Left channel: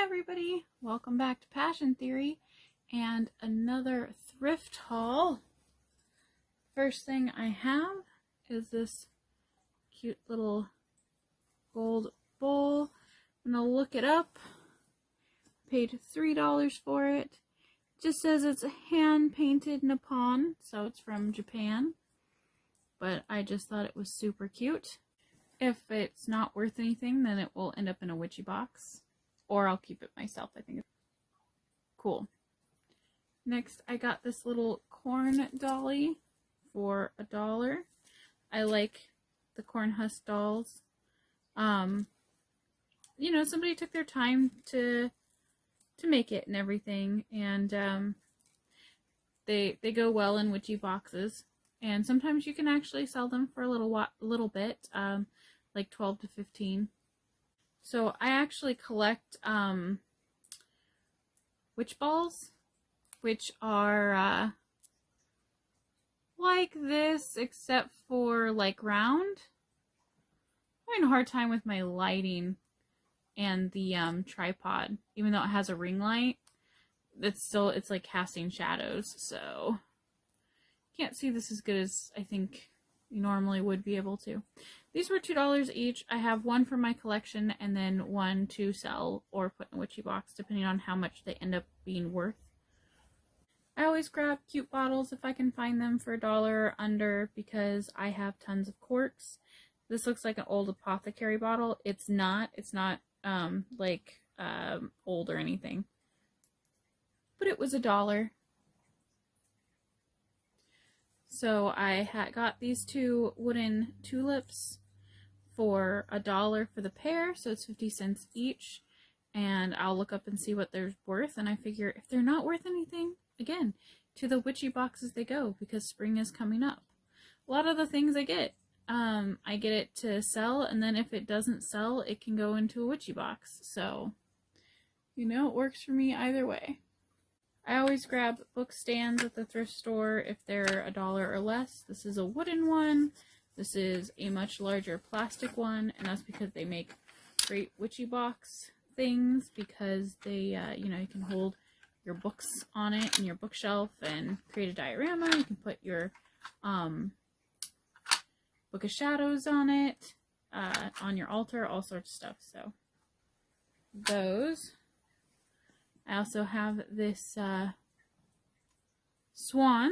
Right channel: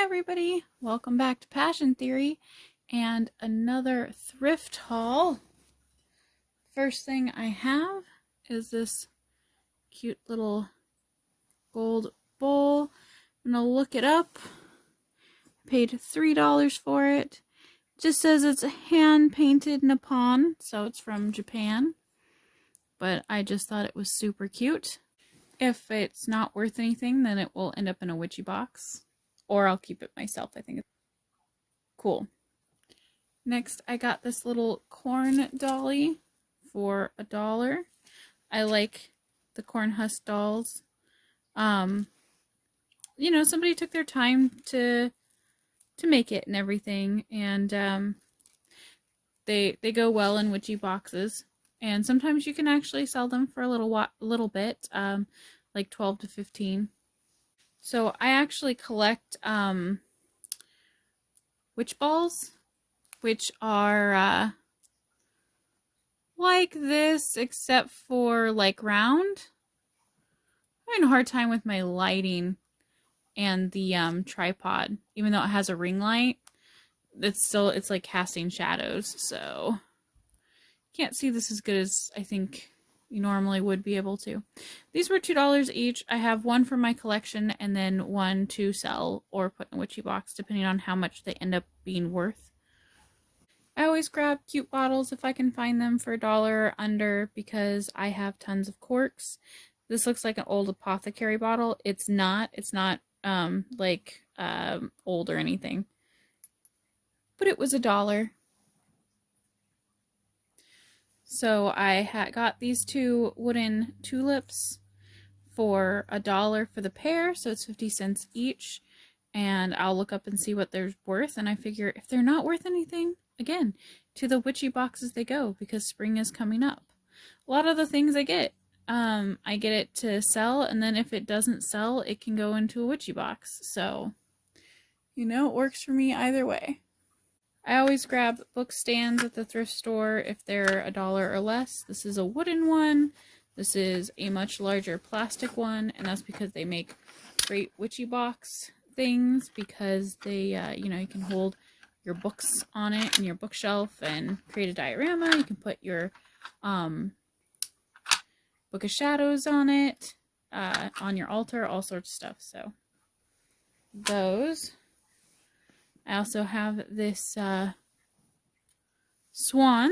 Hi everybody, welcome back to Passion Theory and another thrift haul. First thing I have is this cute little gold bowl. I'm gonna look it up. Paid $3 for it. Just says it's hand painted Nippon, so it's from Japan. But I just thought it was super cute. If it's not worth anything, then it will end up in a witchy box. Or I'll keep it myself. I think it's cool. Next, I got this little corn dolly for $1. I like the corn husk dolls. You know, somebody took their time to make it and everything, and they go well in witchy boxes. And sometimes you can actually sell them for a little bit, like 12 to 15. So I actually collect witch balls, which are like this, except for like round. I'm having a hard time with my lighting and the tripod, even though it has a ring light. It's like casting shadows, so can't see this as good as I think you normally would be able to. These were $2 each. I have one for my collection and then one to sell or put in a witchy box, depending on how much they end up being worth. I always grab cute bottles if I can find them for $1 or under because I have tons of corks. This looks like an old apothecary bottle. It's not old or anything. But it was $1. So I got these two wooden tulips for $1 for the pair, so it's 50 cents each. And I'll look up and see what they're worth, and I figure if they're not worth anything, again, to the witchy boxes they go, because spring is coming up. A lot of the things I get it to sell, and then if it doesn't sell, it can go into a witchy box. So, you know, it works for me either way. I always grab book stands at the thrift store if they're $1 or less. This is a wooden one. This is a much larger plastic one, and that's because they make great witchy box things, because they, you know, you can hold your books on it in your bookshelf and create a diorama. You can put your Book of Shadows on it, on your altar, all sorts of stuff. So those. I also have this swan,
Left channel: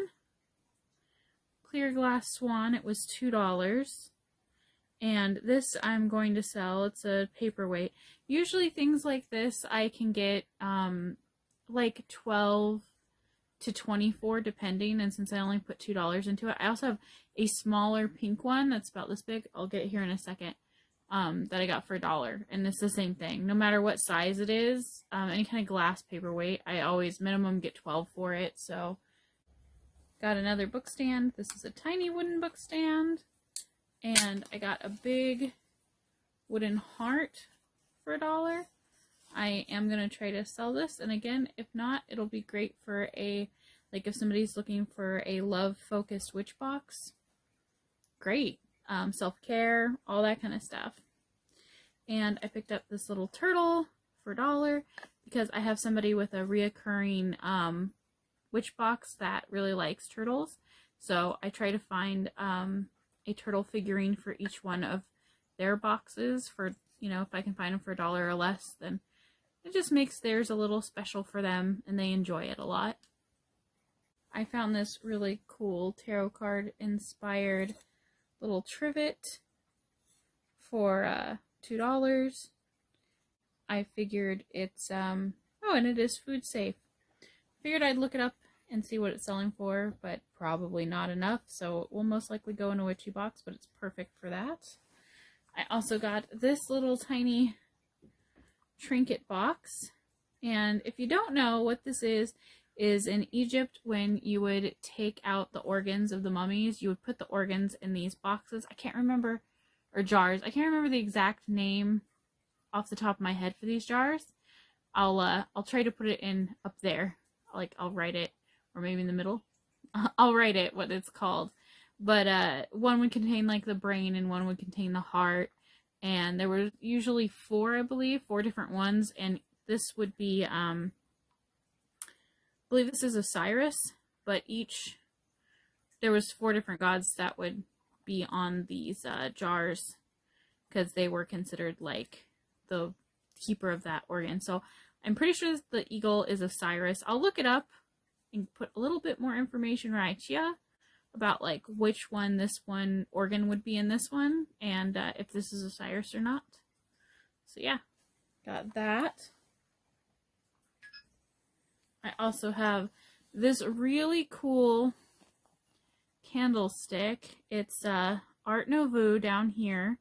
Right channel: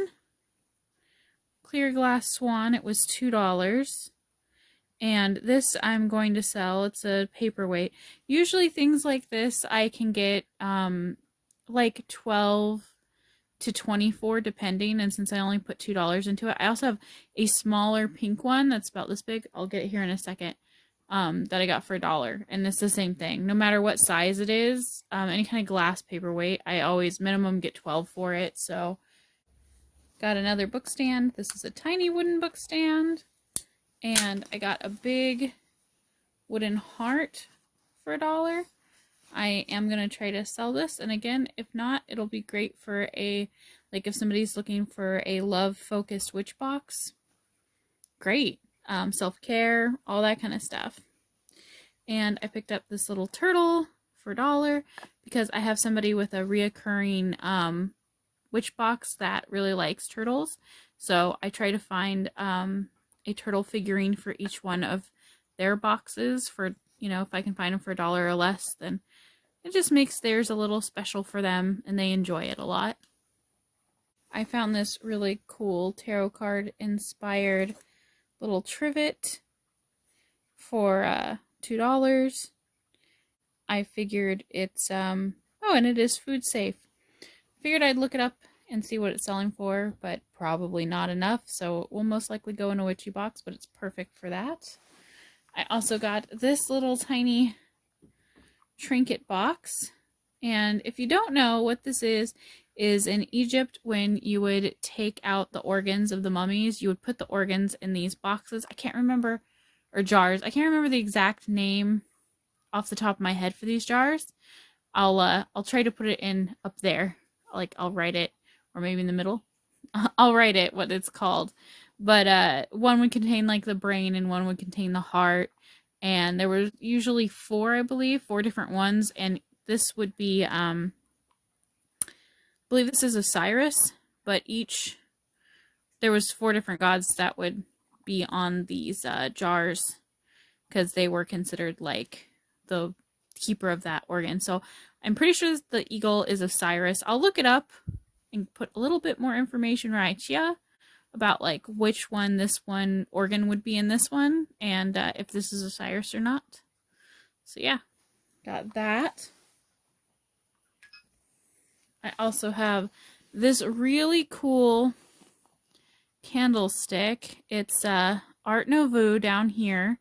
clear glass swan. It was $2. And this I'm going to sell. It's a paperweight. Usually things like this I can get like 12 to 24 depending, and since I only put $2 into it. I also have a smaller pink one that's about this big. I'll get it here in a second. That I got for $1, and it's the same thing. No matter what size it is, any kind of glass paperweight, I always minimum get 12 for it. So got another book stand. This is a tiny wooden book stand. And I got a big wooden heart for $1. I am going to try to sell this. And again, if not, it'll be great for like if somebody's looking for a love-focused witch box. Great. Self-care, all that kind of stuff. And I picked up this little turtle for $1 because I have somebody with a reoccurring witch box that really likes turtles. So I try to find a turtle figurine for each one of their boxes for, you know, if I can find them for $1 or less, then it just makes theirs a little special for them and they enjoy it a lot. I found this really cool tarot card inspired little trivet for $2. I figured it's oh, and it is food safe. Figured I'd look it up and see what it's selling for, but probably not enough, so it will most likely go in a witchy box, but it's perfect for that. I also got this little tiny trinket box, and if you don't know what this is in Egypt, when you would take out the organs of the mummies, you would put the organs in these boxes. I can't remember, or jars. I can't remember the exact name off the top of my head for these jars. I'll try to put it in up there. Like, I'll write it, or maybe in the middle. I'll write it what it's called. But one would contain like the brain and one would contain the heart. And there were usually 4, I believe, 4 different ones, and this would be, I believe this is Osiris, but there was 4 different gods that would be on these jars because they were considered like the keeper of that organ. So I'm pretty sure the eagle is Osiris. I'll look it up and put a little bit more information right here about like which one this one organ would be in this one, and if this is Osiris or not. So yeah, got that. I also have this really cool candlestick. It's Art Nouveau down here.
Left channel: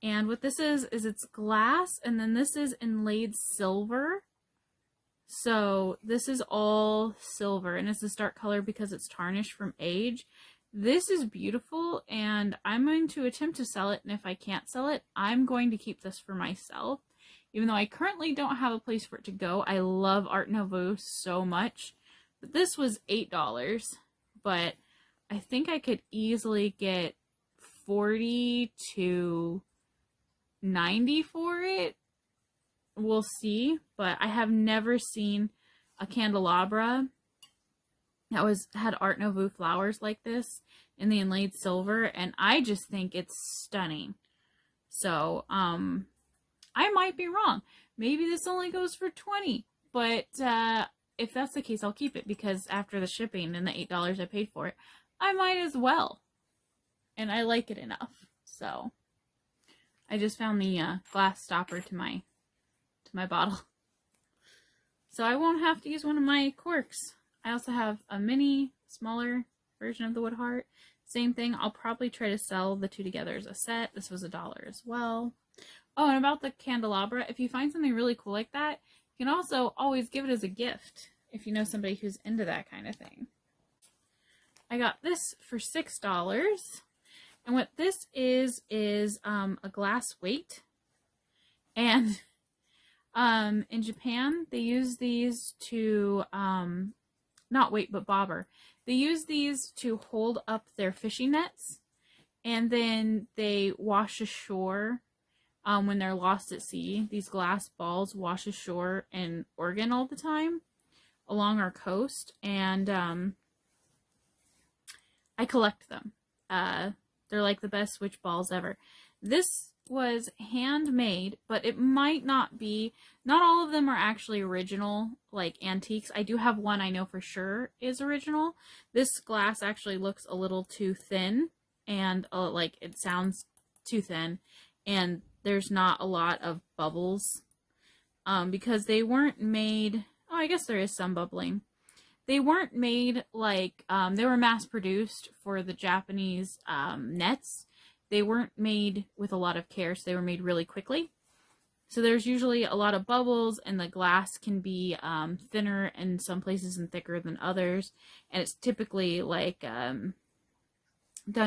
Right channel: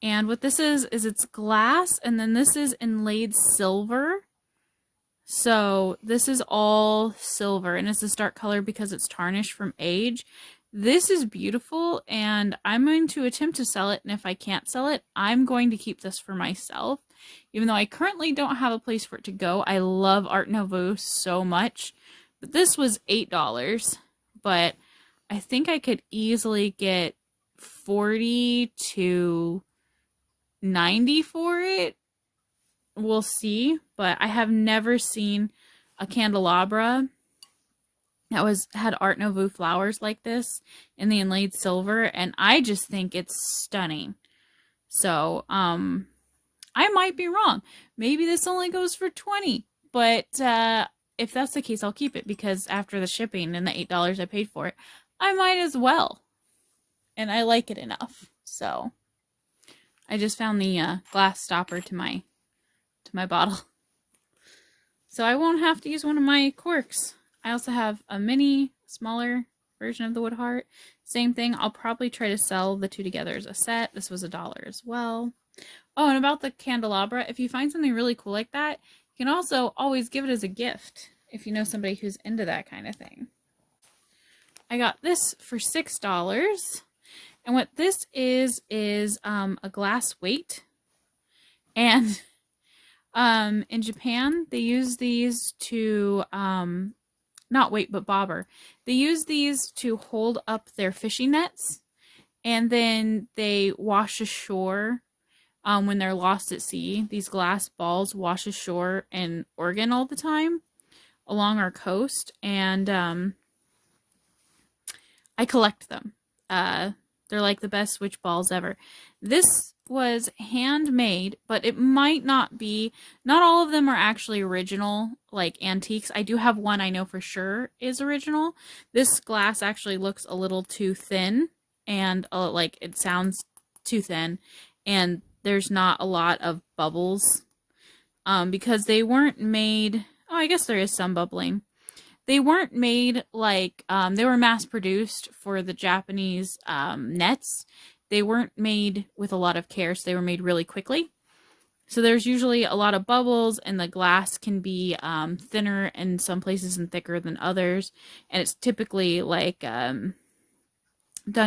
And what this is it's glass, and then this is inlaid silver. So this is all silver, and it's this dark color because it's tarnished from age. This is beautiful, and I'm going to attempt to sell it, and if I can't sell it, I'm going to keep this for myself. Even though I currently don't have a place for it to go, I love Art Nouveau so much. But this was $8, but I think I could easily get $40 to $90 for it. We'll see, but I have never seen a candelabra that had Art Nouveau flowers like this in the inlaid silver, and I just think it's stunning. So, I might be wrong. Maybe this only goes for $20, but if that's the case, I'll keep it because after the shipping and the $8 I paid for it, I might as well. And I like it enough. So, I just found the glass stopper to my bottle. So I won't have to use one of my corks. I also have a mini, smaller version of the wood heart. Same thing. I'll probably try to sell the 2 together as a set. This was $1 as well. Oh, and about the candelabra, if you find something really cool like that, you can also always give it as a gift if you know somebody who's into that kind of thing. I got this for $6. And what this is a glass weight. And in Japan, they use these to, not weight, but bobber. They use these to hold up their fishing nets, and then they wash ashore when they're lost at sea. These glass balls wash ashore in Oregon all the time along our coast, and I collect them. They're like the best witch balls ever. This was handmade, but it might not be. Not all of them are actually original, like antiques. I do have one I know for sure is original. This glass actually looks a little too thin, and like it sounds too thin, and there's not a lot of bubbles because they weren't made. Oh, I guess there is some bubbling. They weren't made like, they were mass produced for the Japanese nets. They weren't made with a lot of care, so they were made really quickly. So there's usually a lot of bubbles, and the glass can be thinner in some places and thicker than others. And it's typically like done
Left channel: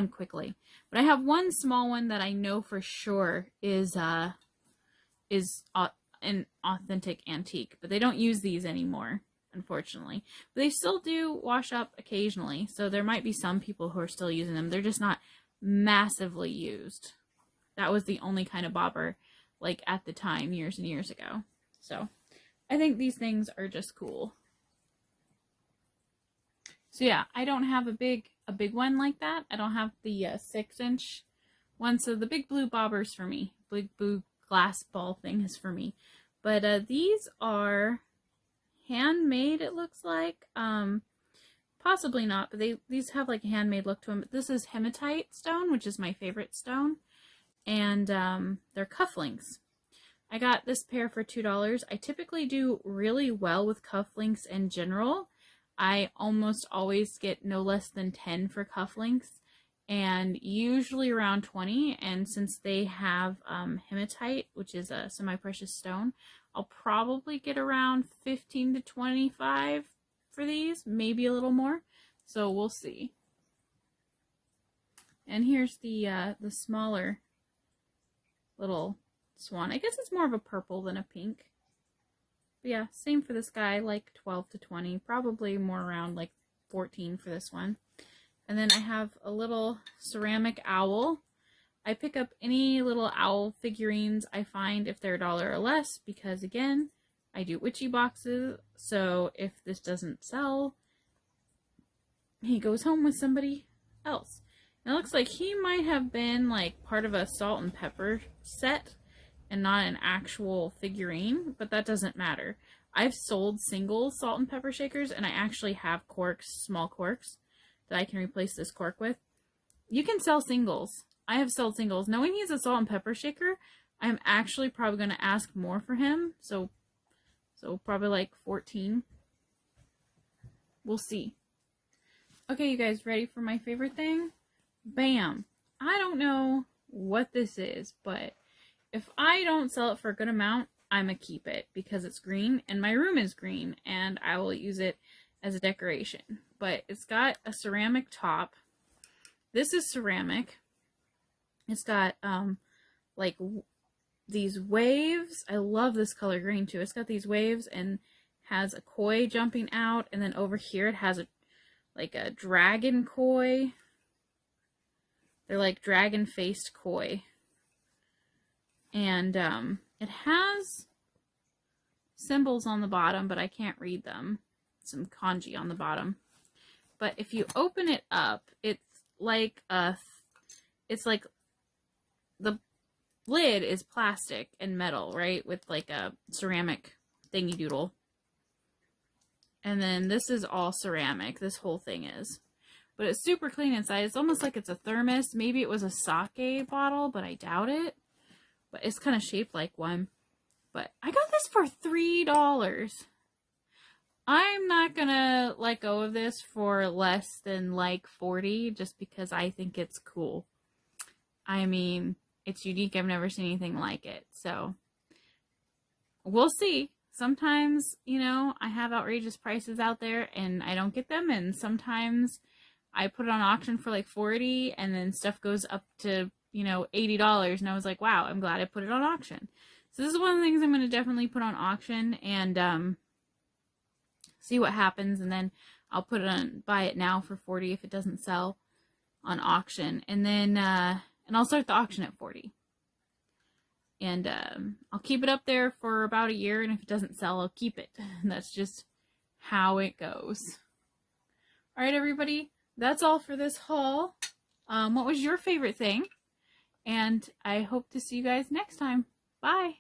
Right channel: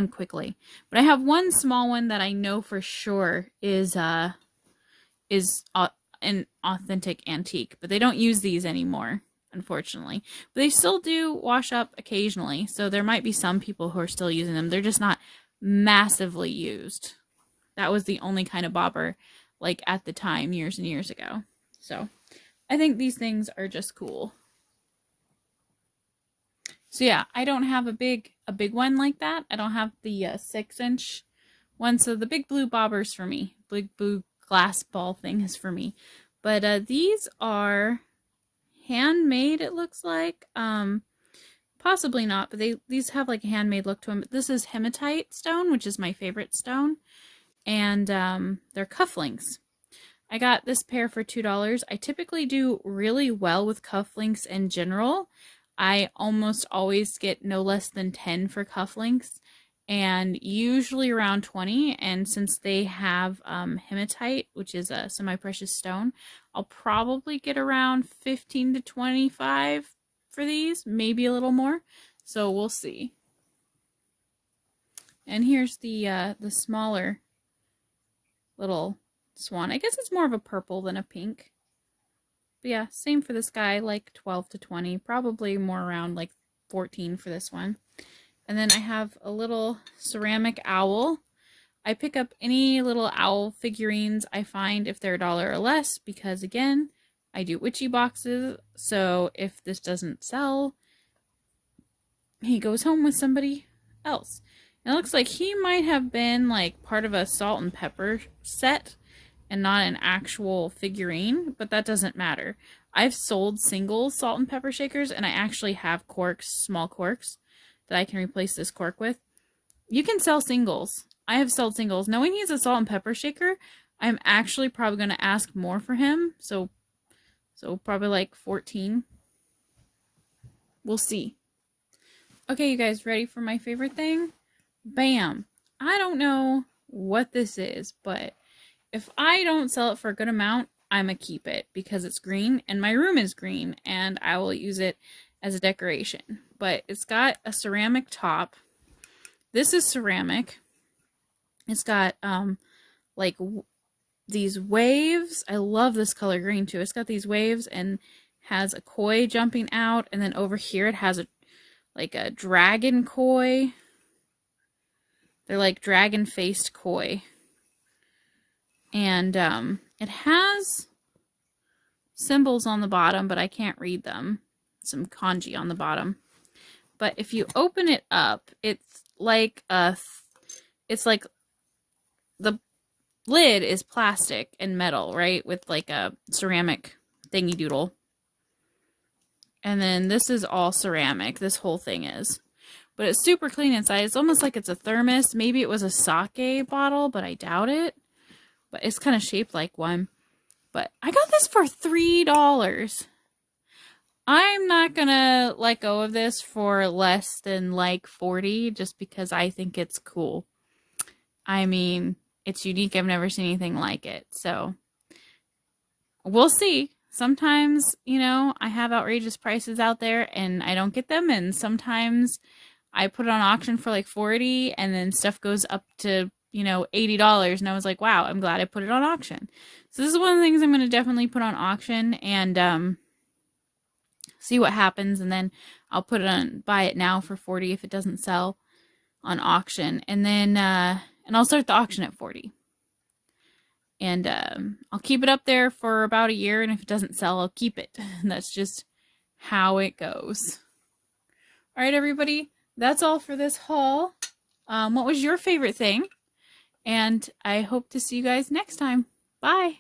quickly. But I have one small one that I know for sure is an authentic antique, but they don't use these anymore, unfortunately. But they still do wash up occasionally, so there might be some people who are still using them. They're just not massively used. That was the only kind of bobber like at the time, years and years ago. So I think these things are just cool. So yeah, I don't have a big one like that. I don't have the 6-inch one, so the big blue bobbers for me. Big blue glass ball thing is for me. But these are handmade, it looks like. Possibly not, but these have like a handmade look to them. But this is hematite stone, which is my favorite stone. And they're cufflinks. I got this pair for $2. I typically do really well with cufflinks in general. I almost always get no less than 10 for cufflinks, and usually around 20. And since they have hematite, which is a semi-precious stone, I'll probably get around 15 to 25 for these, maybe a little more. So we'll see. And here's the smaller little swan. I guess it's more of a purple than a pink. But yeah, same for this guy, like 12 to 20, probably more around like 14 for this one. And then I have a little ceramic owl. I pick up any little owl figurines I find if they're $1 or less because, again, I do witchy boxes, so if this doesn't sell, he goes home with somebody else. It looks like he might have been like part of a salt and pepper set and not an actual figurine, but that doesn't matter. I've sold single salt and pepper shakers, and I actually have corks, small corks, that I can replace this cork with. You can sell singles. I have sold singles. Knowing he's a salt and pepper shaker, I'm actually probably going to ask more for him. So probably like 14. We'll see. Okay, you guys, ready for my favorite thing? Bam! I don't know what this is, but if I don't sell it for a good amount, I'm gonna keep it because it's green and my room is green and I will use it as a decoration. But it's got a ceramic top. This is ceramic. It's got like these waves. I love this color green too. It's got these waves and has a koi jumping out, and then over here it has a like a dragon koi. They're like dragon faced koi. And it has symbols on the bottom, but I can't read them. Some kanji on the bottom. But if you open it up, it's like the lid is plastic and metal, right? With like a ceramic thingy doodle. And then this is all ceramic. This whole thing is. But it's super clean inside. It's almost like it's a thermos. Maybe it was a sake bottle, but I doubt it. But it's kind of shaped like one. But I got this for $3. I'm not gonna let go of this for less than like 40 just because I think it's cool. I mean, it's unique. I've never seen anything like it. So we'll see. Sometimes, you know, I have outrageous prices out there and I don't get them. And sometimes I put it on auction for like 40 and then stuff goes up to, you know, $80. And I was like, wow, I'm glad I put it on auction. So this is one of the things I'm going to definitely put on auction and see what happens. And then I'll put it on, buy it now for 40 if it doesn't sell on auction. And then, and I'll start the auction at 40. And I'll keep it up there for about a year, and if it doesn't sell, I'll keep it. That's just how it goes. All right, everybody, that's all for this haul. What was your favorite thing? And I hope to see you guys next time. Bye.